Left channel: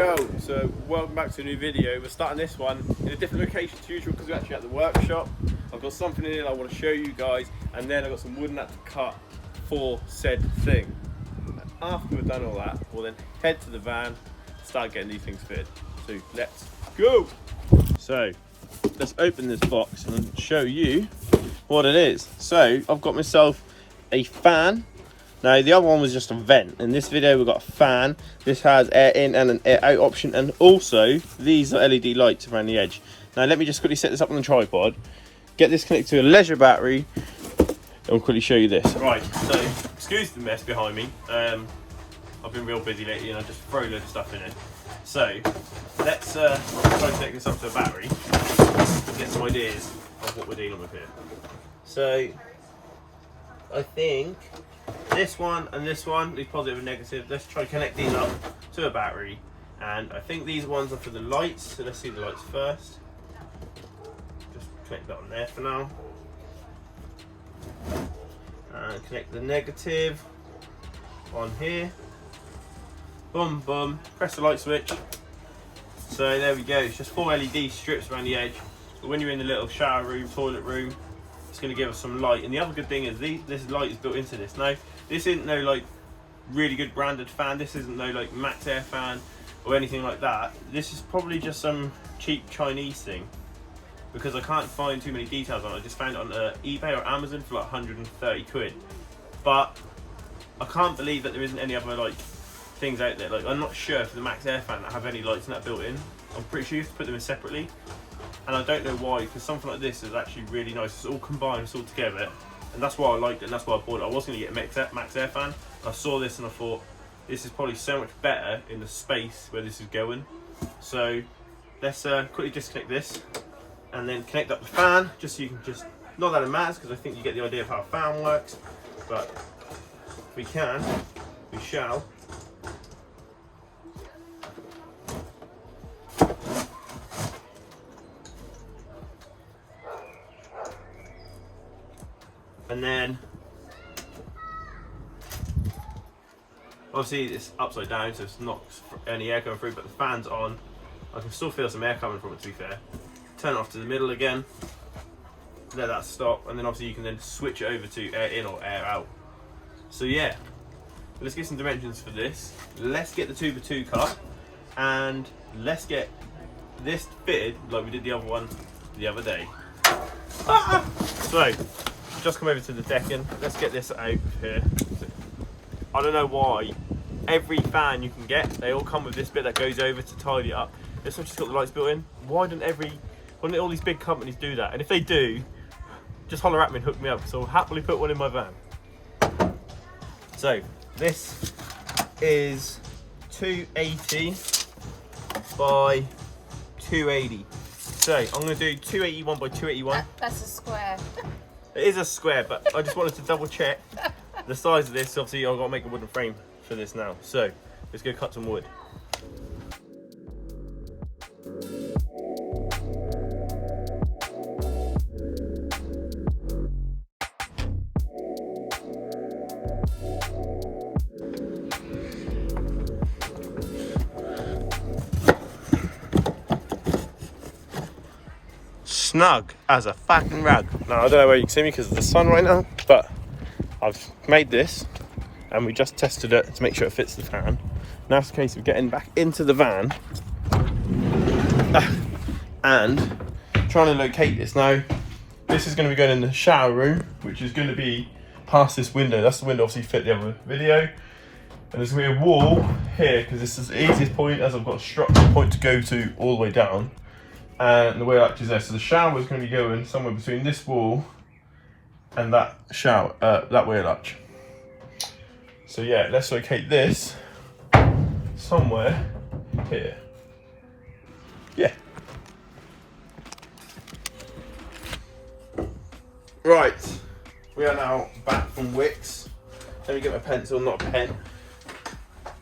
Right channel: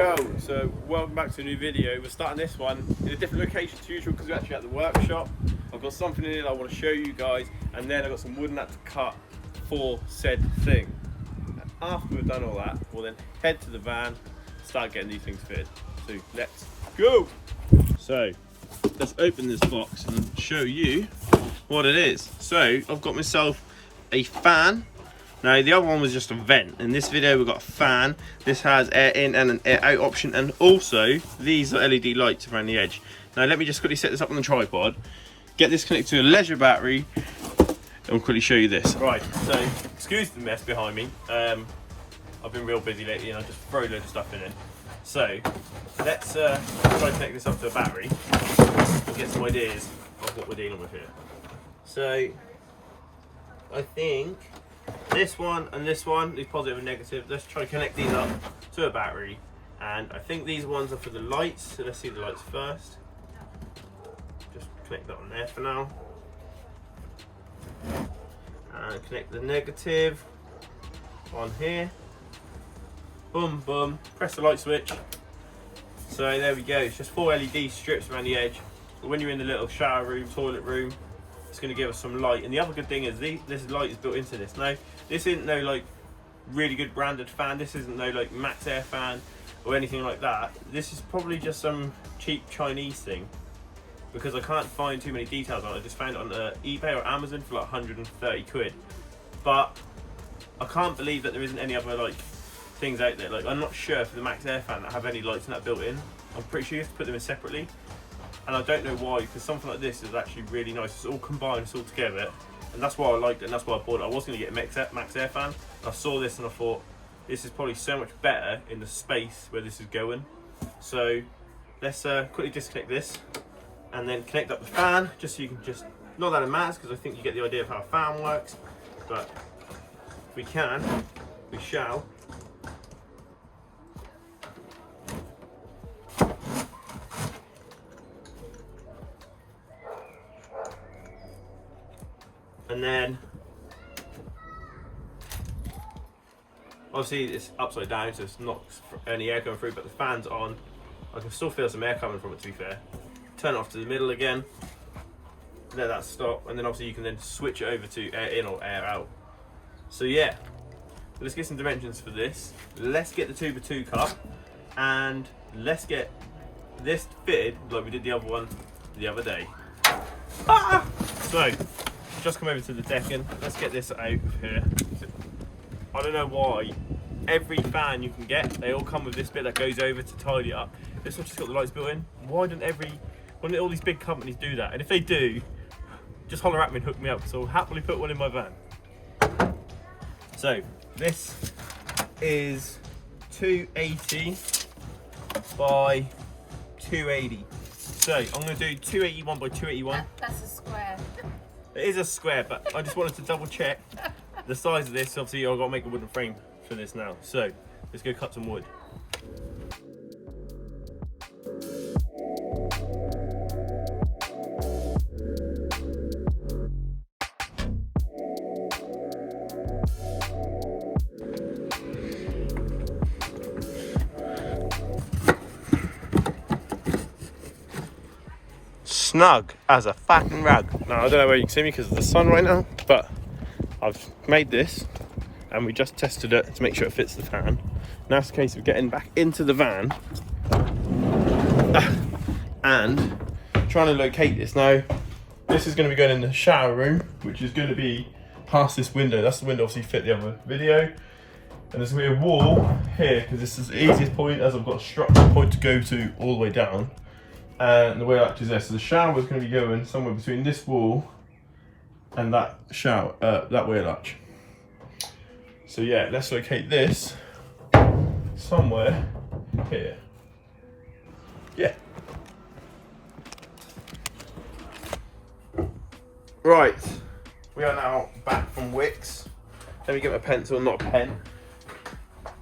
Yo, so welcome back to a new video. We're starting this one in a different location to usual because we're actually at the workshop. I've got something in it I want to show you guys, and then I've got some wood nut to cut for said thing. And after we've done all that, we'll then head to the van, start getting these things fitted. So let's go! So let's open this box and show you what it is. So I've got myself a fan. Now the other one was just a vent. In this video we've got a fan. This has air in and an air out option, and also these are LED lights around the edge. Now let me just quickly set this up on the tripod, get this connected to a leisure battery, and we'll quickly show you this. Right, so excuse the mess behind me. I've been real busy lately and I just throw a load of stuff in it. So let's try to connect this up to a battery and get some ideas of what we're dealing with here. So I think this one and this one, these positive and negative, let's try to connect these up to a battery. And I think these ones are for the lights, so let's see the lights first. Just connect that on there for now. And connect the negative on here. Boom, boom, press the light switch. So there we go, it's just 4 LED strips around the edge. But when you're in the little shower room, toilet room, it's going to give us some light. And the other good thing is this light is built into this. Now this isn't no like really good branded fan, this isn't no like Max Air fan or anything like that. This is probably just some cheap Chinese thing, because I can't find too many details on it. I just found it on eBay or Amazon for like 130 quid. But I can't believe that there isn't any other like things out there. Like I'm not sure for the Max Air fan that have any lights in that built in. I'm pretty sure you have to put them in separately. And I don't know why, because something like this is actually really nice. It's all combined, it's all together, and that's why I liked it, and that's why I bought it. I was going to get a Max Air fan. I saw this and I thought this is probably so much better in the space where this is going. So let's quickly disconnect this and then connect up the fan, just so you can just, not that it matters because I think you get the idea of how a fan works, but if we can, we shall. And then obviously it's upside down, so it's not any air coming through, but the fan's on. I can still feel some air coming from it, to be fair. Turn it off to the middle again, let that stop, and then obviously you can then switch it over to air in or air out. So yeah, let's get some dimensions for this. Let's get the 2x2 cup and let's get this fitted like we did the other one the other day. So just come over to the decking. Let's get this out of here. I don't know why every fan you can get, they all come with this bit that goes over to tidy it up. This one's just got the lights built in. Why don't all these big companies do that? And if they do, just holler at me and hook me up, because I'll happily put one in my van. So this is 280 by 280. So I'm going to do 281 by 281. That's a square. It is a square, but I just wanted to double check the size of this. Obviously I've got to make a wooden frame for this now. So let's go cut some wood. Snug as a fucking rug. Now I don't know where you can see me because of the sun right now, but I've made this and we just tested it to make sure it fits the fan. Now it's a case of getting back into the van and trying to locate this. Now this is going to be going in the shower room, which is going to be past this window. That's the window obviously fit the other video, and there's going to be a wall here because this is the easiest point, as I've got a structural point to go to all the way down. And the wheel latch is there, so the shower is going to be going somewhere between this wall and that shower, that wheel latch. So yeah, let's locate this somewhere here. Yeah. Right, we are now back from Wicks. Let me get my pencil, not a pen.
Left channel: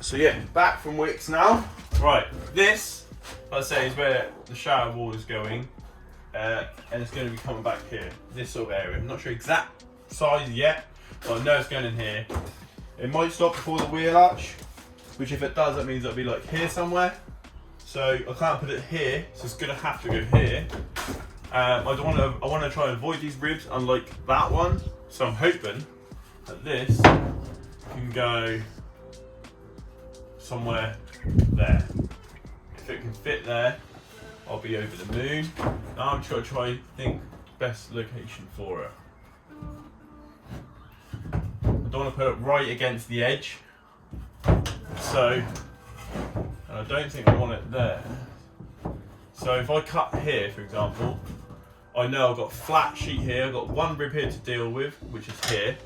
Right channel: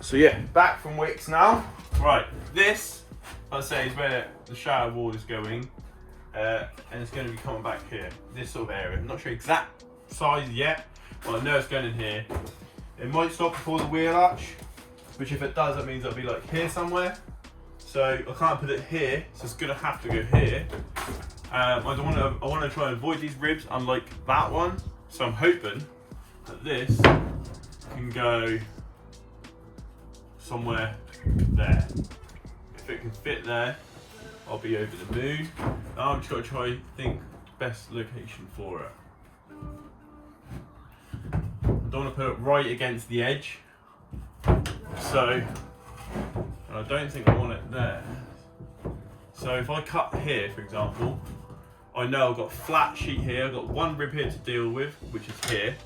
So yeah, back from Wicks now. Right, this, I'd say, is where the shower wall is going, and it's going to be coming back here, this sort of area. I'm not sure exact size yet, but I know it's going in here. It might stop before the wheel arch, which if it does, that means it'll be like here somewhere. So I can't put it here, so it's gonna have to go here. I want to try and avoid these ribs, unlike that one. So I'm hoping that this can go somewhere there. If it can fit there, I'll be over the moon. Now I'm just gonna try and think best location for it. I don't want to put it right against the edge. So I don't think I want it there. So if I cut here, for example, I know I've got a flat sheet here, I've got one rib here to deal with, which is here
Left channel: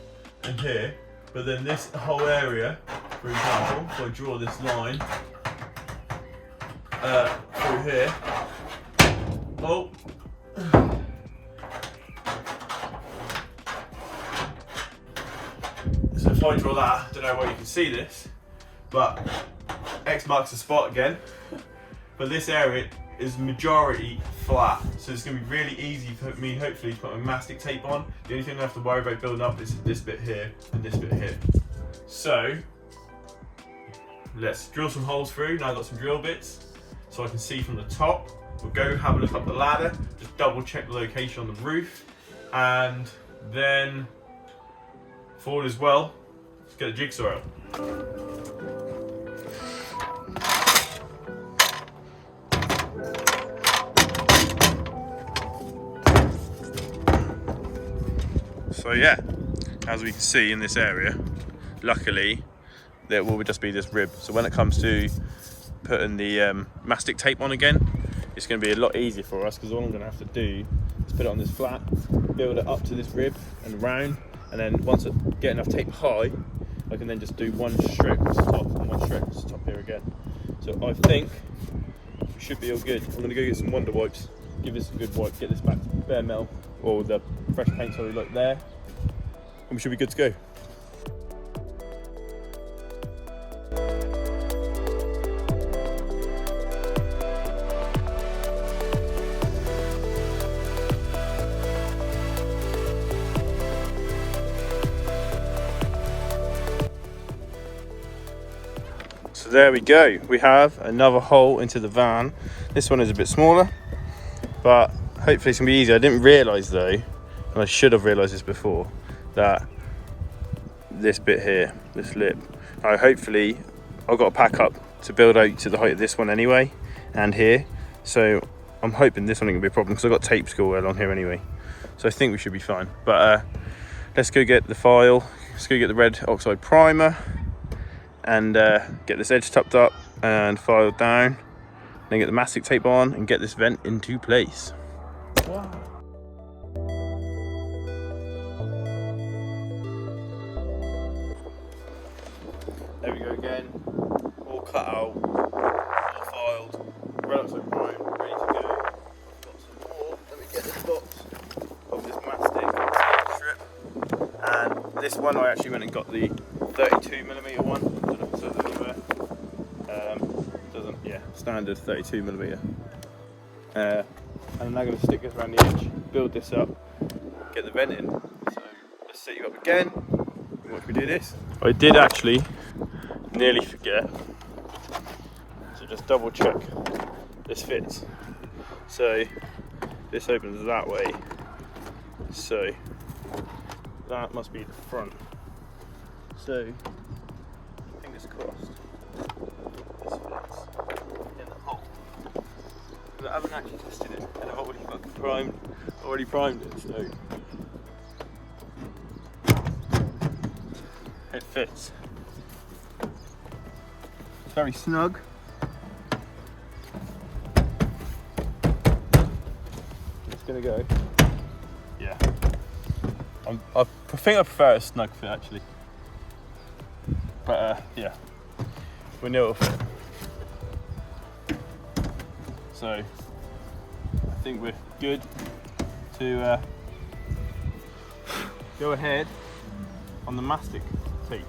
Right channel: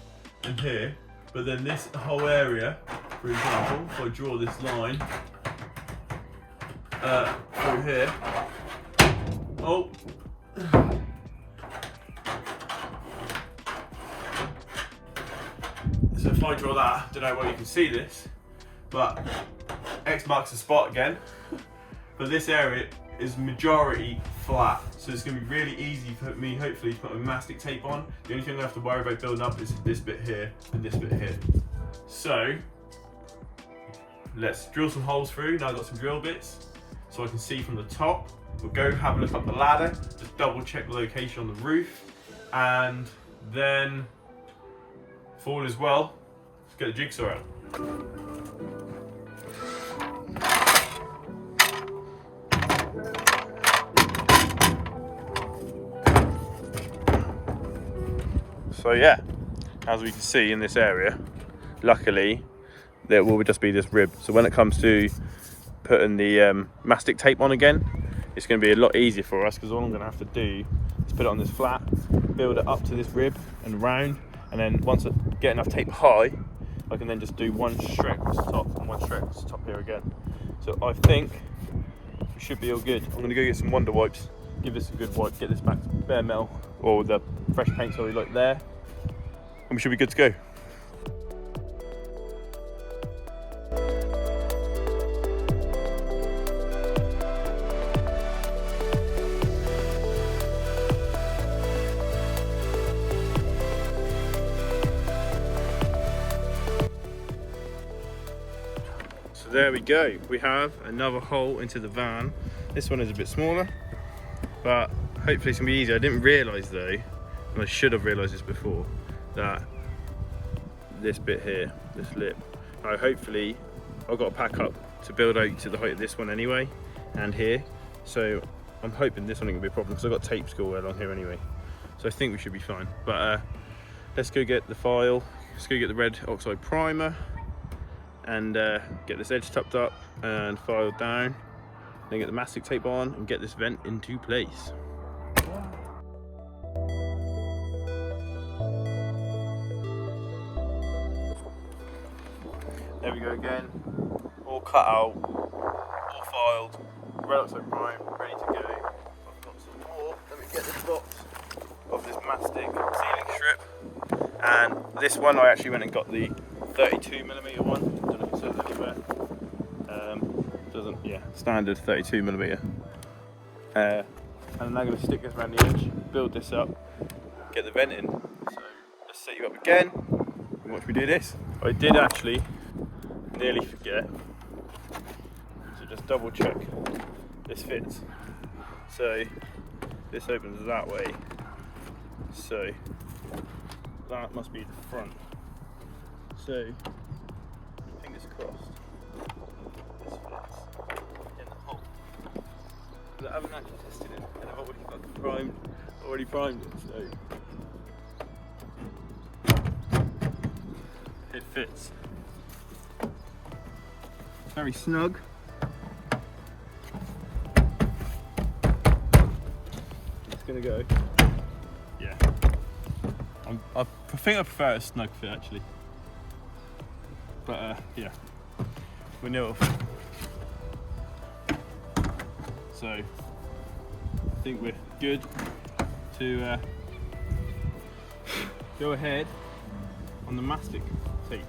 and here, but then this whole area, for example, if I draw this line through here, oh, so if I draw that, I don't know where you can see this, but X marks the spot again, but this area is majority flat, so it's going to be really easy for me hopefully to put my mastic tape on. The only thing I have to worry about building up is this bit here and this bit here. So let's drill some holes through. Now I've got some drill bits so I can see from the top. We'll go have a look up the ladder, just double check the location on the roof, and then forward as well, let's get the jigsaw out. So yeah, as we can see in this area, luckily there will just be this rib. So when it comes to putting the mastic tape on again, it's going to be a lot easier for us, because all I'm going to have to do is put it on this flat, build it up to this rib and round, and then once I get enough tape high, I can then just do one stroke to the top and one stroke to the top here again. So I think we should be all good. I'm going to go get some Wonder Wipes, give this a good wipe, get this back to bare metal, or the fresh paint sorry, like there, and we should be good to go. So there we go, we have another hole into the van. This one is a bit smaller, but hopefully it's gonna be easy. I didn't realise though, and I should have realised this before, that this bit here, this lip, hopefully I've got to pack up to build out to the height of this one anyway, and here. So I'm hoping this one ain't gonna be a problem, because I've got tape to go along here anyway. So I think we should be fine. But let's go get the file, let's go get the red oxide primer, and get this edge tucked up and filed down, then get the mastic tape on and get this vent into place. Wow. There we go again, all cut out, all filed, red oxide prime, ready to go. I've got some more, let me get this box of this mastic strip, and this one I actually went and got the 32mm one. I don't know if it says anywhere. Doesn't, yeah, standard 32mm. And I'm now going to stick this around the edge, build this up, get the vent in. So let's set you up again and watch me do this. I did actually nearly forget, so just double check this fits. So this opens that way, so that must be the front. So fingers crossed. In the hole. But I haven't actually tested it, and I've already primed it, so it fits. It's very snug. It's gonna go. Yeah. I think I prefer a snug fit actually. But yeah, we know. So I think we're good to go ahead on the mastic tape.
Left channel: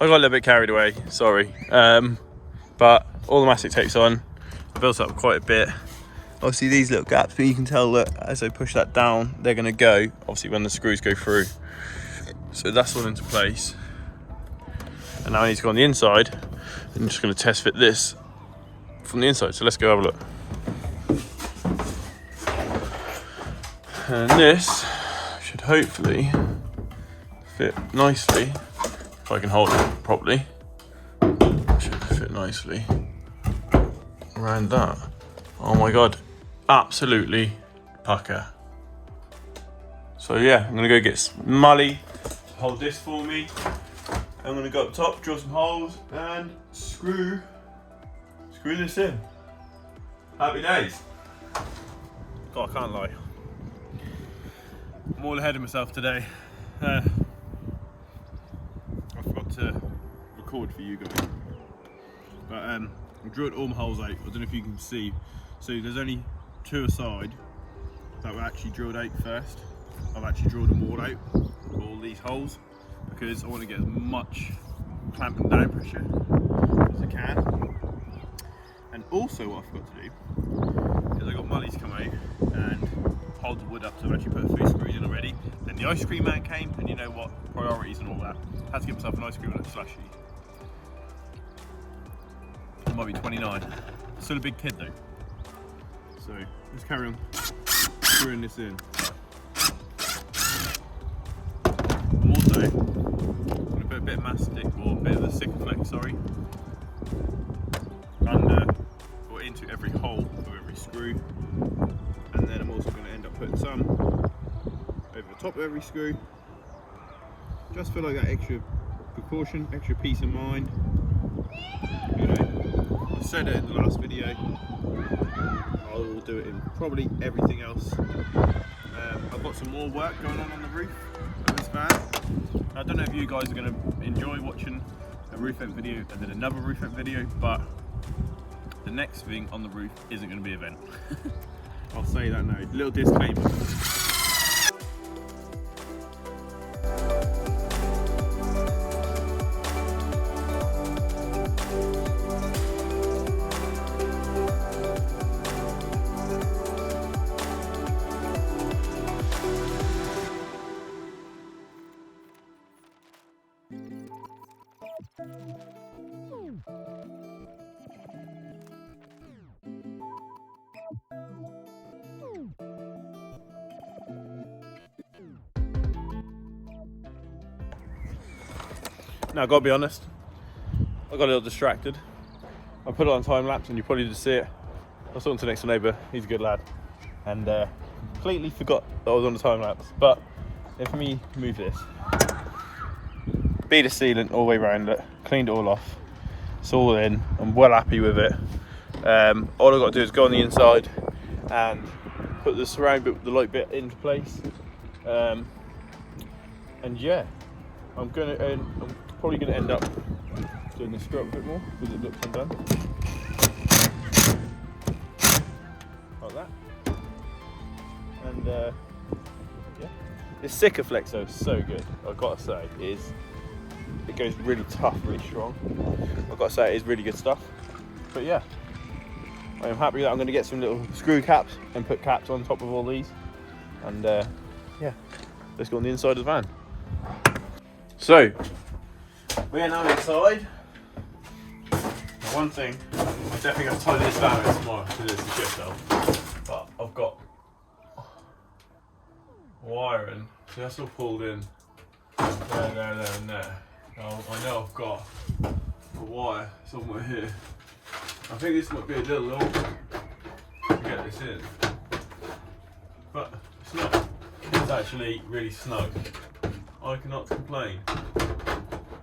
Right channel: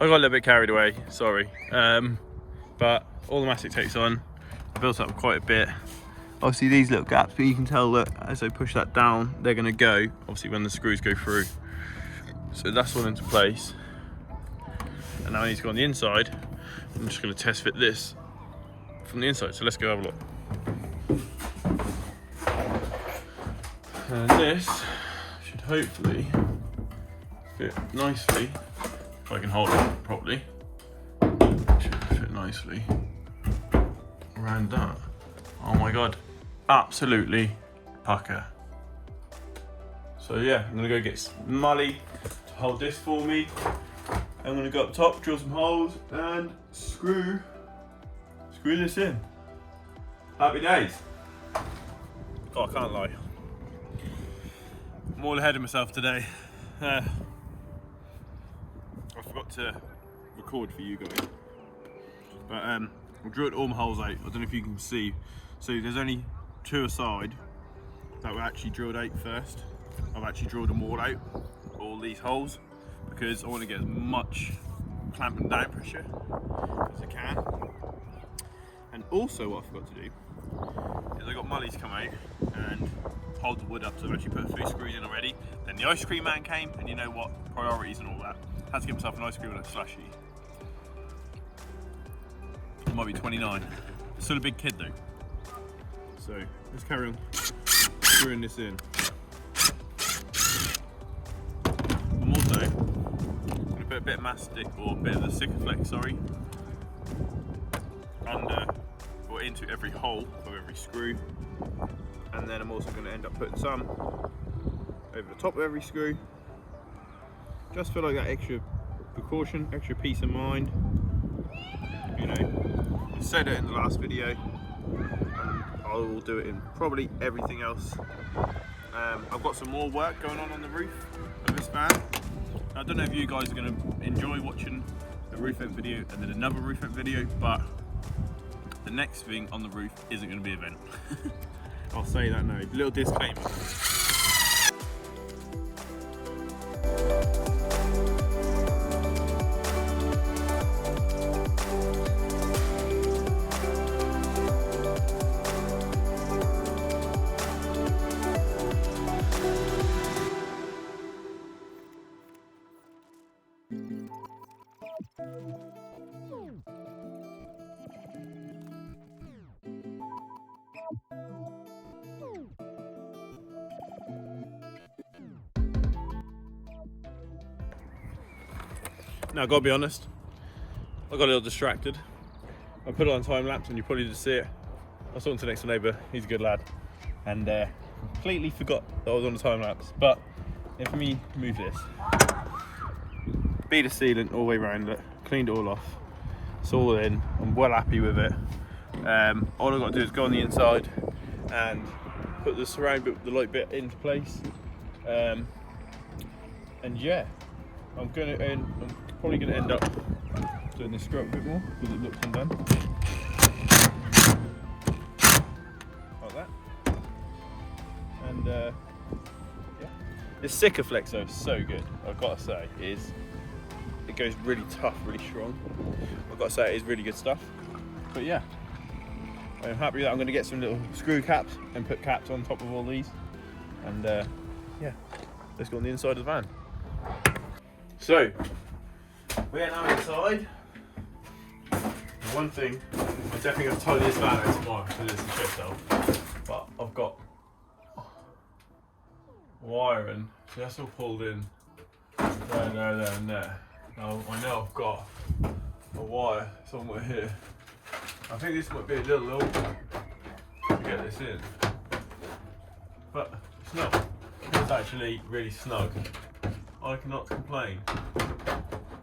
I got a little bit carried away, sorry. But all the mastic tape's on. I built up quite a bit. Obviously these little gaps, but you can tell that as I push that down, they're gonna go, obviously when the screws go through. So that's all into place. And now I need to go on the inside. I'm just going to test fit this from the inside. So let's go have a look. And this should hopefully fit nicely if I can hold it properly. Should fit nicely around that. Oh my god, absolutely pucker. So yeah, I'm gonna go get Mully to hold this for me. I'm gonna go up top, drill some holes, and screw this in. Happy days. God, I can't lie. I'm all ahead of myself today. I forgot to record for you guys. But I've drilled all my holes out. I don't know if you can see. So there's only 2 aside that were actually drilled out first. I've actually drilled them all out, all these holes, because I want to get as much clamp and down pressure as I can. And also what I forgot to do is I got Mully to come out and hold the wood up, so I've actually put 3 screws in already. Then the ice cream man came, and you know what, priorities and all that. Had to get myself an ice cream and a slushie. I might be 29. Still a big kid though. So let's carry on screwing this in. I'm also going to put a bit of mastic, or a bit of the Sikaflex, sorry, under or into every hole of every screw. And then I'm also going to end up putting some over the top of every screw, just for like that extra precaution, extra peace of mind. You know, I said it in the last video, and I will do it in probably everything else. I've got some more work going on the roof of this van. I don't know if you guys are going to enjoy watching a roof vent video and then another roof vent video, but the next thing on the roof isn't going to be a vent. I'll say that now. Little disclaimer. Now, I've got to be honest, I got a little distracted. I put it on time lapse and you probably didn't see it. I was talking to the next door neighbour, he's a good lad, and completely forgot that I was on the time lapse. But let me move this. Bead the sealant all the way around it, cleaned it all off. It's all in, I'm well happy with it. All I've got to do is go on the inside and put the surround bit, the light bit into place. And yeah, I'm probably going to end up doing this stroke a bit more because it looks undone. Like that. And yeah. This Sikaflex though is so good, I've got to say. It goes really tough, really strong. I've got to say it is really good stuff. But yeah, I'm happy that I'm going to get some little screw caps and put caps on top of all these. And yeah, let's go on the inside of the van. So, we are now inside. Now, one thing, I'm definitely going to tidy this van out tomorrow because it's a shit show. But I've got wiring, so that's all pulled in there, and there. Now, I know I've got a wire somewhere here. I think this might be a little low to get this in. But it's not. It's actually really snug. I cannot complain.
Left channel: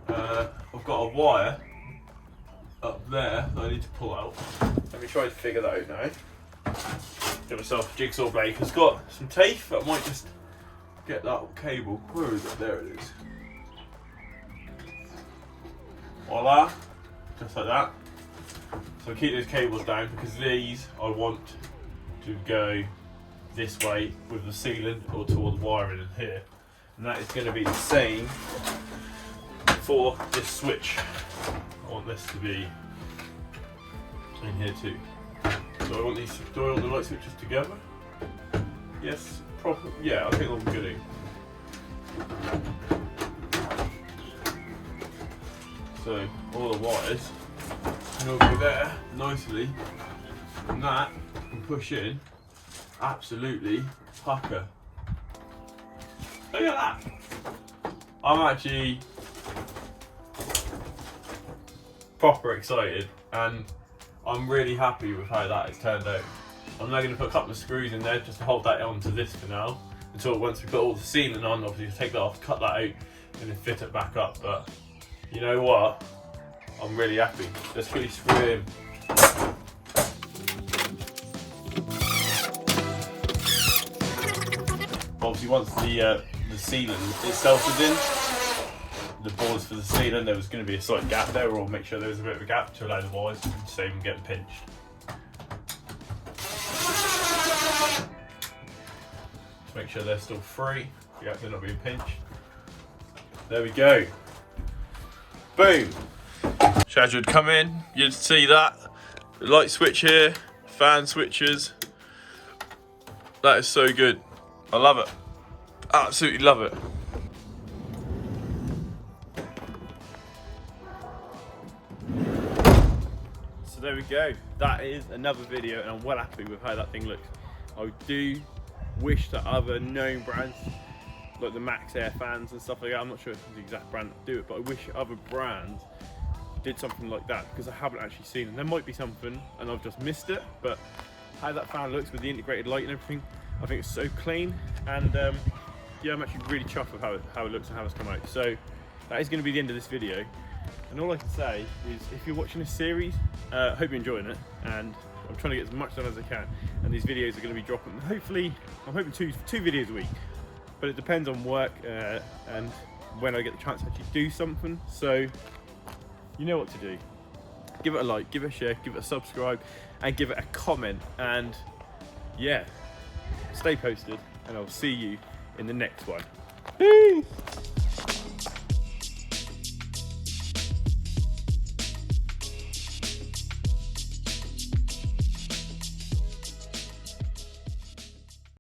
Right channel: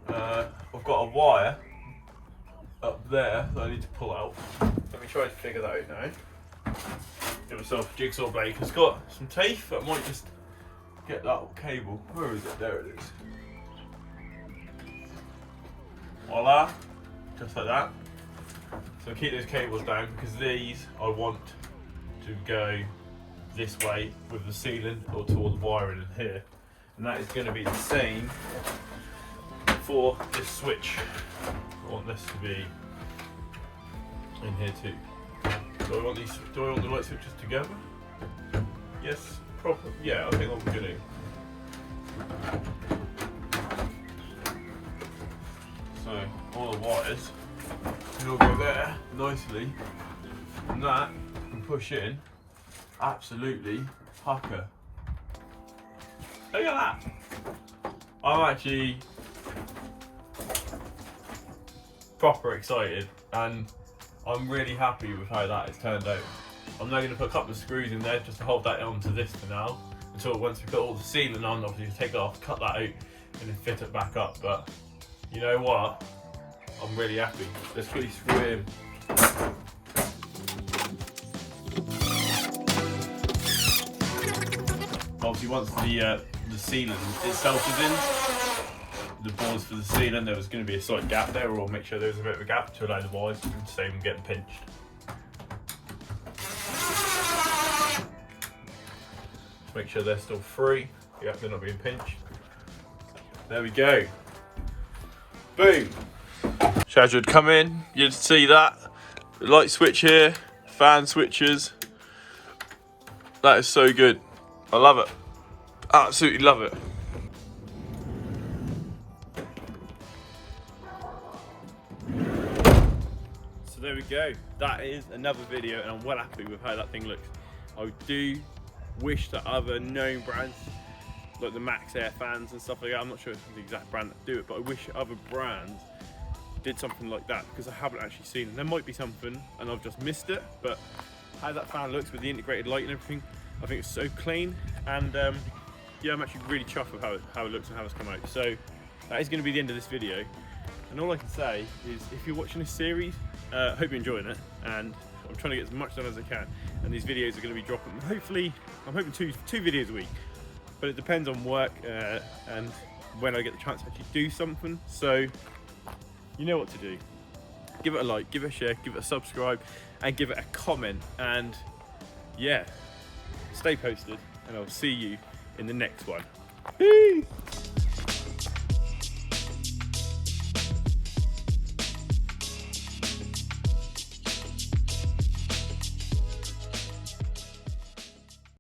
I've got a wire up there that I need to pull out. Let me try to figure that out now. Give myself a jigsaw blade. It's got some teeth, but I might just get that cable. Where is it? There it is. Voila, just like that. So keep those cables down because these I want to go this way with the sealant or toward the wiring in here. And that is going to be the same for this switch. I want this to be in here too. Do I want the light switches together? Yes, probably. Yeah, I think I'll be good. So all the wires can all go there nicely, and that can push in absolutely pucker. Look at that! I'm actually proper excited, and I'm really happy with how that has turned out. I'm now going to put a couple of screws in there just to hold that onto this for now, until once we put all the sealing on, obviously take that off, cut that out, and then fit it back up. But you know what? I'm really happy. Let's quickly screw in. Obviously, once the sealant itself is in, the boards for the sealant, there was going to be a slight gap there. We'll make sure there was a bit of a gap to allow the wires to stay from getting pinched. Just make sure they're still free. Yeah, they're not being pinched. There we go. Boom. So as you'd come in, you'd see that the light switch here, fan switches. That is so good. I love it. Absolutely love it. So there we go. That is another video, and I'm well happy with how that thing looks. I do wish that other known brands, like the Max Air fans and stuff like that, I'm not sure if it's the exact brand that do it, but I wish other brands did something like that, because I haven't actually seen it. There might be something and I've just missed it, but how that fan looks with the integrated light and everything, I think it's so clean, and yeah, I'm actually really chuffed with how it looks and how it's come out. So that is going to be the end of this video, and all I can say is, if you're watching this series, I hope you're enjoying it, and I'm trying to get as much done as I can, and these videos are going to be dropping, hopefully, I'm hoping two videos a week, but it depends on work and when I get the chance to actually do something. So you know what to do. Give it a like, give it a share, give it a subscribe, and give it a comment, and yeah, stay posted, and I'll see you in the next one. Peace!